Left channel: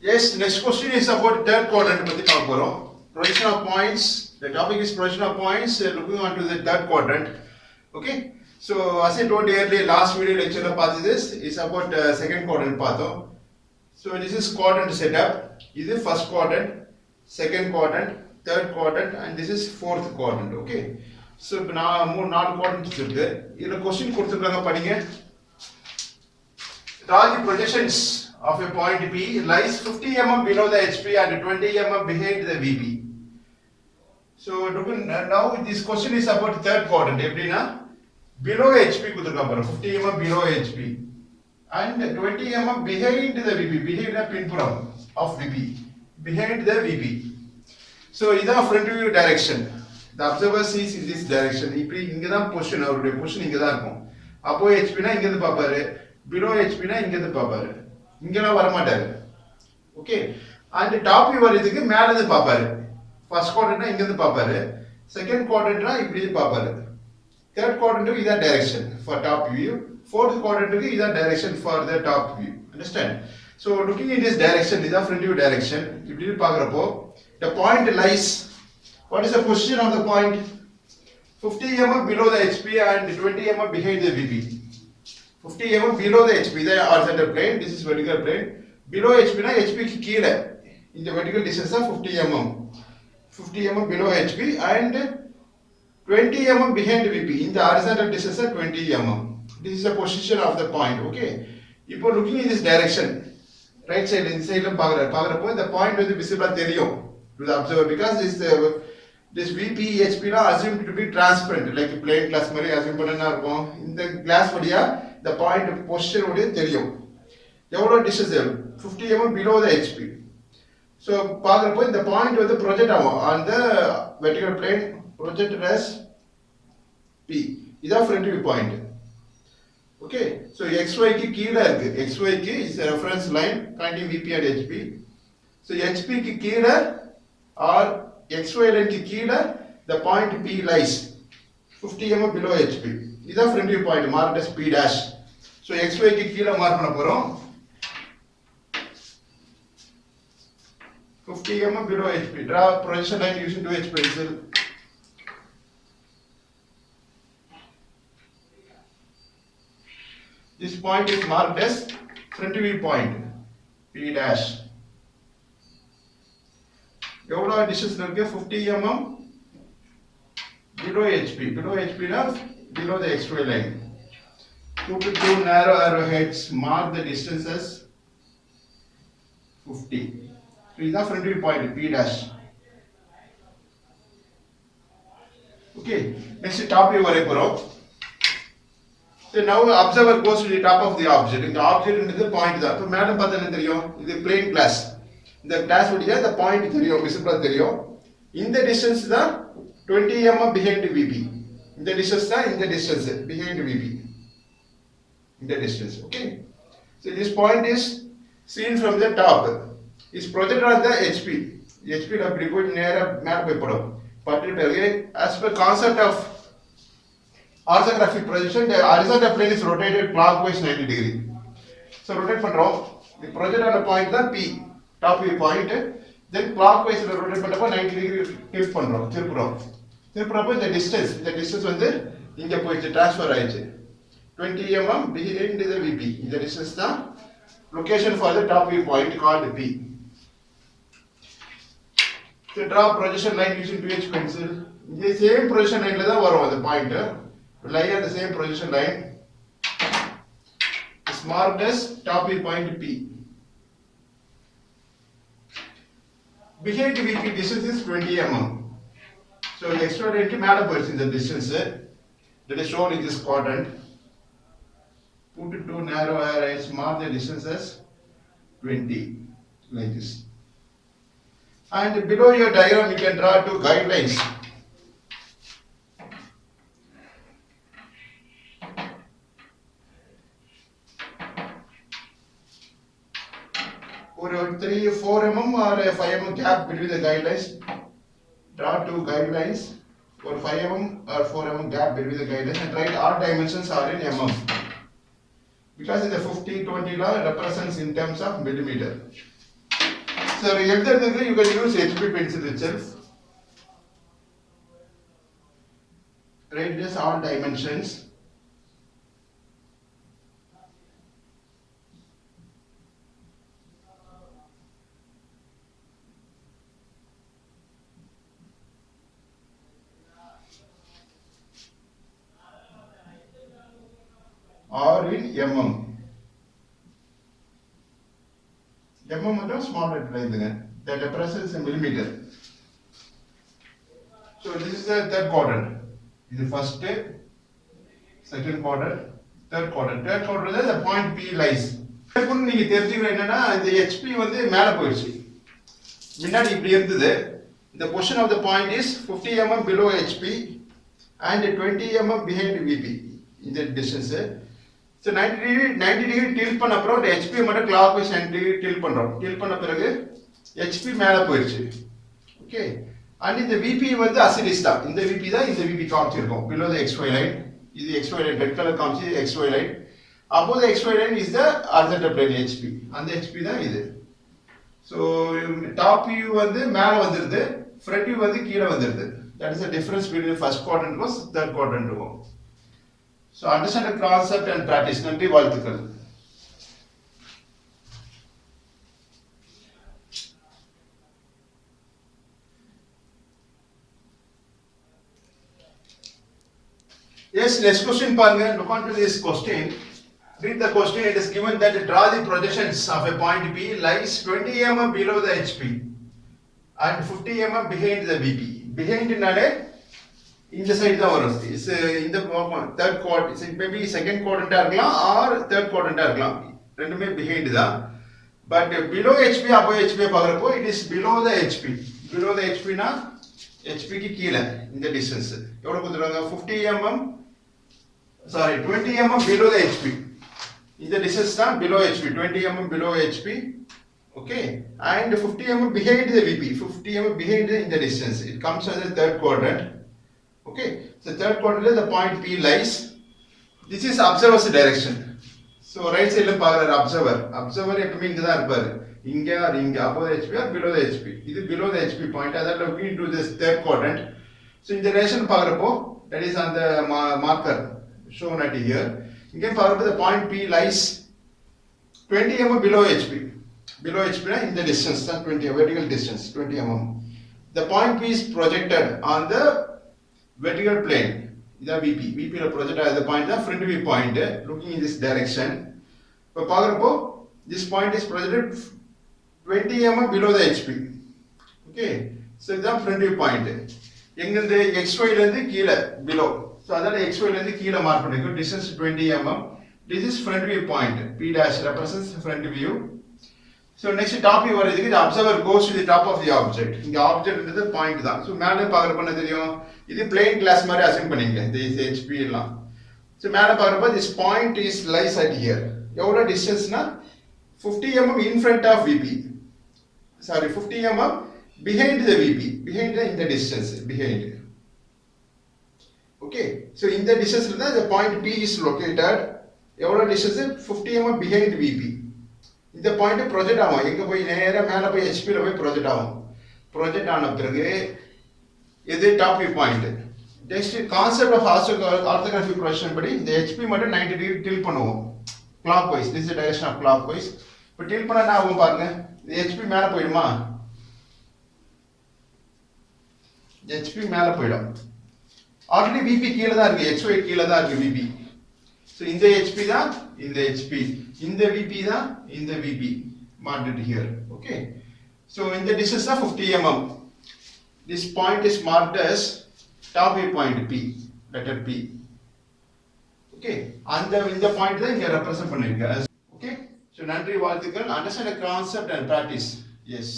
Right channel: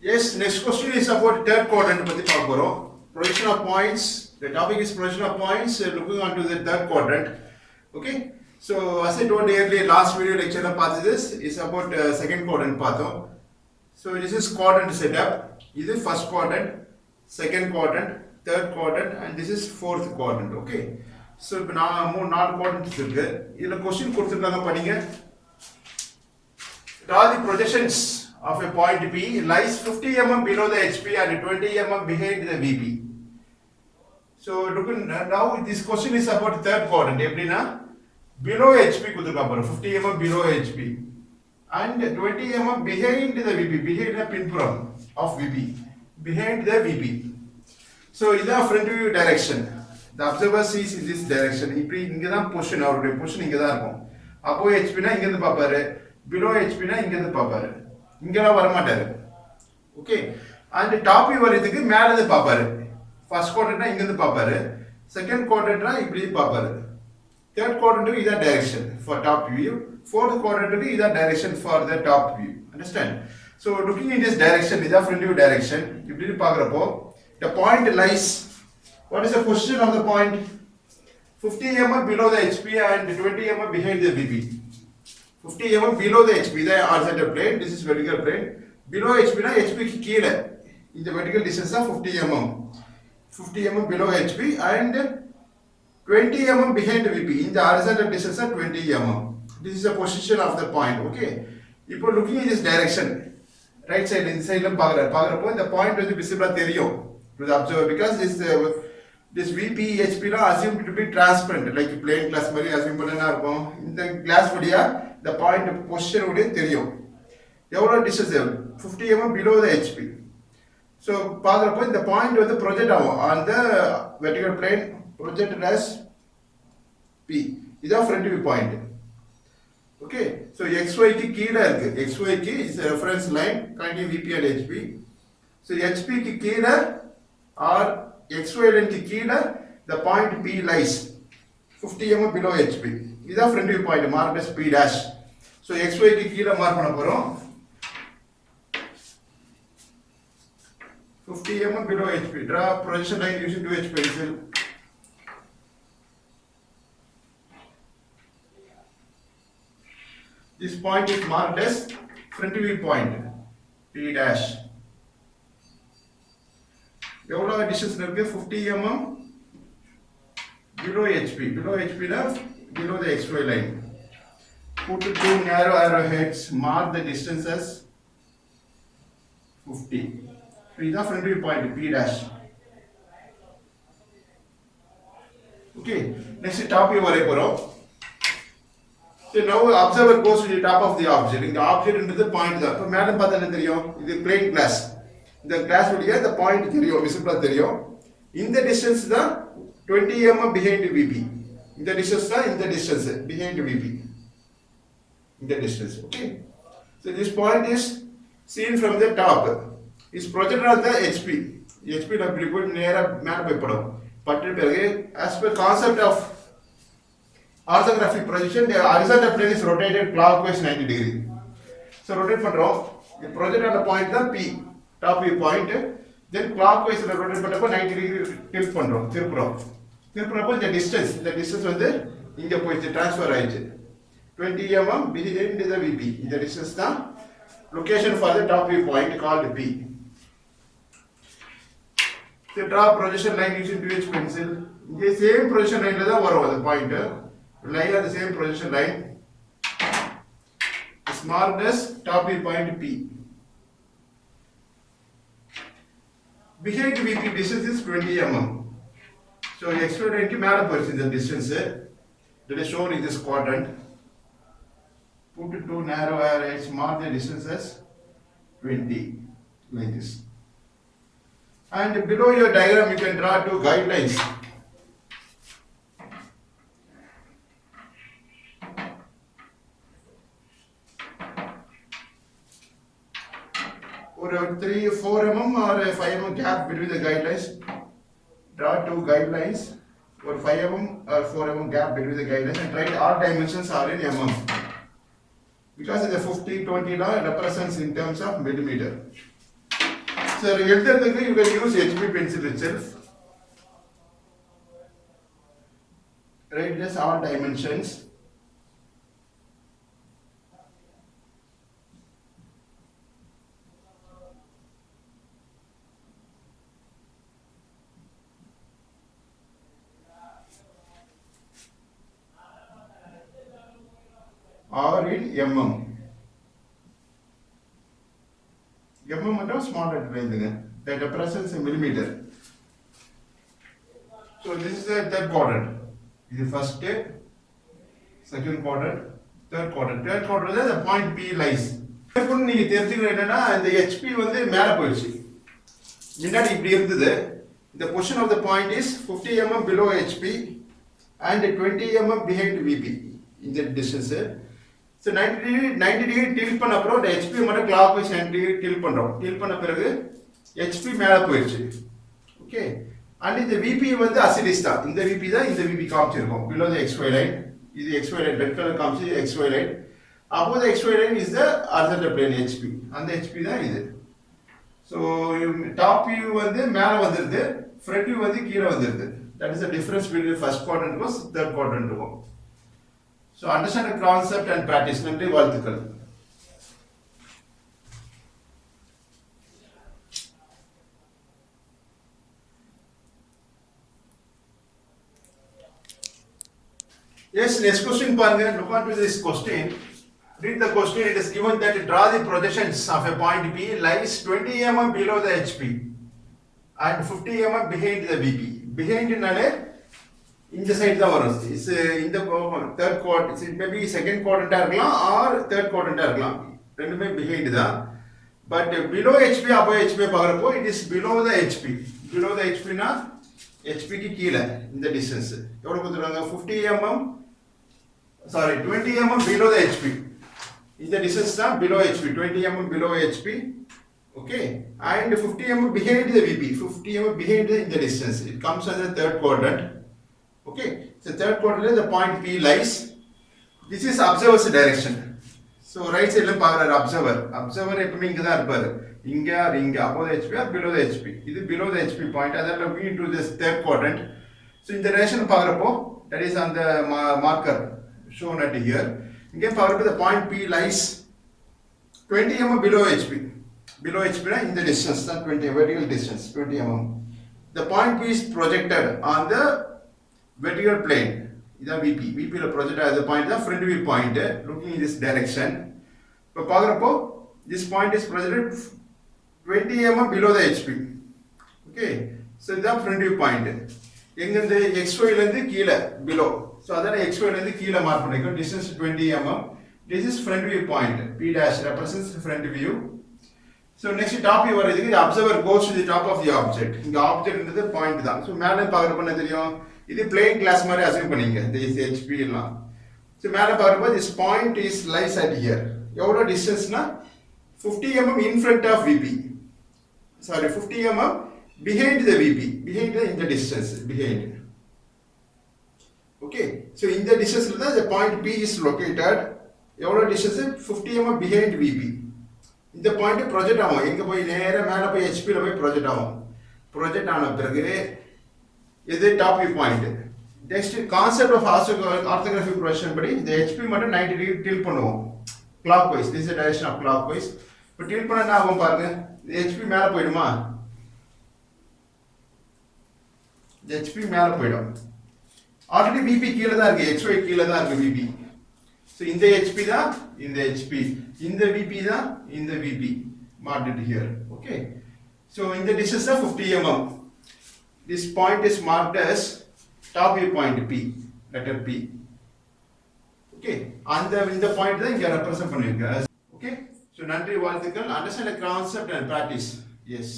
Yes, next question is about third quadrant. Projection of points. The topic is projection of points. Looking onto the third quadrant. Okay. So as I told earlier, last video lecture part this is about second quadrant part. So this is quadrant setup. This is first quadrant, second quadrant, third quadrant, and this is fourth quadrant. Okay. So இப்போ நான் நாலு quadrants இருக்கு. இதுல question கொடுத்திருக்காங்க படிங்க. Draw the projections of a point P lies 50 mm below the HP and 20 mm behind the VP. So now this question is about third quadrant. எப்படின்னா below HP கொடுத்திருக்காங்க பாருங்க 50 mm below HP and 20 mm behind the VP, behind the pinpuram of VP, behind the VP. So இதான் front view direction. The observer sees in this direction. இப்படி இங்க தான் பொசிஷன், அவருடைய பொசிஷன் இங்க தான் இருக்கும். அப்போ HP னா இங்க இருந்து பாப்பாரு, below HP னா இங்க இருந்து பாப்பாரு, இங்கலாம் வர மாட்டாரு. ஓகே. and top view வரதுக்கு மேல இருந்து பாப்பாரு. ஃபர்ஸ்ட் குவாட்ரண்ட்னா இங்க இருந்து பாப்பாரு, செகண்ட் குவாட்ரண்ட்னா இப்படி பாப்பாரு, third quadrant is that direction for top view, fourth quadrant is that direction for the top view. Understand? So looking in this direction, this is front view direction. இப்படி பார்க்கறப்போ the point lies, what is the position of the point? 50 mm below the HP and 20 mm behind the VP. 50 mm below the HP, the horizontal plane, this is vertical plane. Below HP na HP ki கீழ இந்த vertical distance of 50 mm. 50 mm below HP and 20 mm behind VP. In the horizontal distance of 20 mm. This is the position of the point. Okay. இப்போ looking in this direction, right side, இந்த சைடுல பார்க்கறப்போ இந்த point வந்து visible தெரியும் to the observer because this VP HP na assumed to be transparent, like plain glass மாதிரி assume பண்ணனா இருக்கும். இந்த glass வழியா the point position உடைய தெரியும். எவ்வளவு distance 50 mm below the HP. So பார்க்கறப்போ இந்த point வந்து project ஆகும் on the vertical plane, projected as P. இதான் front view point. Okay. So XY க்கு கீழ இருக்கு. XY க்கு is a reference line connecting VP and HP. So HP க்கு கீழ or XY line க்கு கீழ the point P lies 50 mm below HP. இதான் front view point marked as P dash. So XY க்கு கீழ மார்க் பண்ண போறோம் 50 mm below HP. Draw projection line using 2H pencil. This point is marked as front view point P dash. எவ்வளோ distance இருக்கு 50 mm below HP. Below HP na below the XY line. Put two narrow arrowheads, mark the distance as 50. So this is front view point P dash. Okay. Next top view வரை போறோம். So now observer goes to the top of the object. இந்த object is the point தான். இப்போ மேல பார்த்தா என்ன தெரியும்? இது plain glass. இந்த glass வழியா the point தெரியும், visible தெரியும். இந்த distance தான் 20 mm behind VP. இந்த distance தான் இந்த distance behind VP. இந்த distance. Okay. So this point is seen from the top. Is projected on the HP. HP ல இப்படி போய் நேரா மேல போய் படும். பட்டு பிறகு as per concept of orthographic projection, the horizontal plane is rotated clockwise 90 degree. So rotate பண்றோம். The project on the point தான் P, top view point. Then clockwise rotate பண்ணப்போ 90 degree tilt பண்றோம், திருப்புறப்போ இந்த distance வந்து இங்க போயிடுச்சு, transfer ஆயிடுச்சு 20 mm behind the VP. இந்த distance தான் location for the top view point called P. So draw projection line using 2H pencil. இந்த same projection line ல தான் வரும் அந்த point. Lie on the same projection line. Is marked as top view point P. Behind VP distance is 20 mm. So extra line ki மேல போயிடுச்சு இந்த distance that is shown in this quadrant. Put two narrow arrows, mark the distance as 20 like this. And below your diagram you can draw two guidelines. Or 3-4 mm or 5 mm gap between the guidelines. Draw two guidelines or 5 mm or 4 mm gap between the guidelines and write all dimensions are in mm. Because in the 50-20 law represents in terms of millimeter. So எழுதுறதுக்கு you can use HB pencil itself. Write this all dimensions. Or in mm. mm மட்டும் small letter எழுதுங்க. That represents a millimeter. So this is the third quadrant. This is first, second quadrant, third quadrant. Third quadrant the point P lies. இப்போ நீங்க தெரிஞ்சுக்கணும் என்னன்னா இந்த HP வந்து மேல போயிடுச்சு. முன்னாடி இப்படி இருந்தது. The position of the point is 50 mm below HP and 20 mm behind VP in the distance. So 90 degree tilt பண்ண அப்புறம் இந்த HP மட்டும் clockwise 90 degree tilt பண்றோம். tilt பண்ண பிறகு HP மேல போயிடுச்சு. ஓகே. And இந்த VP வந்து as it is தான். இந்த VP தான் இந்த VP காமிச்சிருக்கோம். below the XY line. இது XY line red color காமிச்சி XY line. Above the XY line is the horizontal plane HP. அந்த HP தான் இது. So top view வந்து மேல வந்துருது. Front view வந்து கீழ வந்துருது. That is the difference between the first quadrant was third quadrant இருக்கும். So understand the concept and practice. நன்றி வாழ்த்துக்கள். Yes, next question பாருங்க. Look on to this question. Read the question. It is given that draw the projections of a point P lies 20 mm below the HP and 50 mm behind the VP. Behind நாலே இந்த சைடு தான் வரும். இஸ் இந்த third quadrant, maybe second குவாட்ரண்டா இருக்கலாம் or third குவாட்ரண்டா இருக்கலாம். ரெண்டுமே behind தான். But below HP above HP பார்க்கறப்போ it is below the HP. below the HP னா HP க்கு கீழ இந்த டிஸ்டன்ஸ் எவ்வளவு கொடுத்திருக்காங்க 50 mm sorry 20 mm below the HP. இந்த டிஸ்டன்ஸ் தான் below HP, 20 mm below HP. Okay, and 50 mm behind the VP, 50 mm behind in the distance. It comes as the third quadrant. Okay, so third quadrant the point P lies. This is observer's direction. So right side la paakra observer எப்பவுமே இங்க தான் இருப்பாரு. இங்க or இங்க above the HP or below the HP. இது below the HP point. அதனால looking into this third quadrant. So இந்த direction பார்க்கறப்போ that is on the marker shown at here. இங்க பார்க்கறப்போ the point P lies 20 mm below HP. Below HP na in the distance, 20 vertical distance, 20 mm. The point P is projected on the vertical plane. This is VP. VP is projected as the point, the front view point, looking in this direction. So, this point is projected 20 mm below the HP. Okay. So, this is front view point. The XY below. So, that is XY mark. Distance 20 mm. This is front view point. P dash represents front view. So next top view வருது. The observer goes to the top of the object. இந்த object ன்றது point தான். So மேலே பார்க்கறப்ப என்ன தெரியும்? இது plane glass மாதிரி அசைன் பண்ணீங்க. This HP எல்லாம். So மேலே பார்க்கறப்ப this point is lies at here. எவ்வளவு டிஸ்டன்ஸ்னா 50 mm in front of VP. Sorry, 50 mm behind the VP. Behind the distance. Behind. Okay. So in the distance the point P is located. எவ்வளவு டிஸ்டன்ஸ் 50 mm behind VP. இந்த point project ஆகும். எங்க போய் நேரா மேல போய் HP ல போய் ப்ரொஜெக்ட் ஆகும். ப்ரொஜெக்ட் ஆன பிறகு இது top view point. Next concept of orthography projection படி இந்த HP மட்டும் 90 டிகிரி டில்ட் பண்ணுவோம். Clockwise. This is direction of clockwise. இப்போ டில்ட் பண்ணா என்ன ஆகும் பாருங்க. இந்த HP மேல போய்டுமா? HP மேல போய்டும். ஆல்ரெடி VP கீழ தான் இருக்கு. XY கீழ தான் இருக்கு VP. So in the HP தான் இந்த HP, in the VP தான் இந்த VP marked it here. Okay, so in the distance of 50 mm, this point is marked as top view point P, letter P. Okay, and இந்த point தான் இங்க represent பண்ணிருக்க. Okay, so நன்றி வாழ்த்துக்கள். Understand the concept and practice. Yes.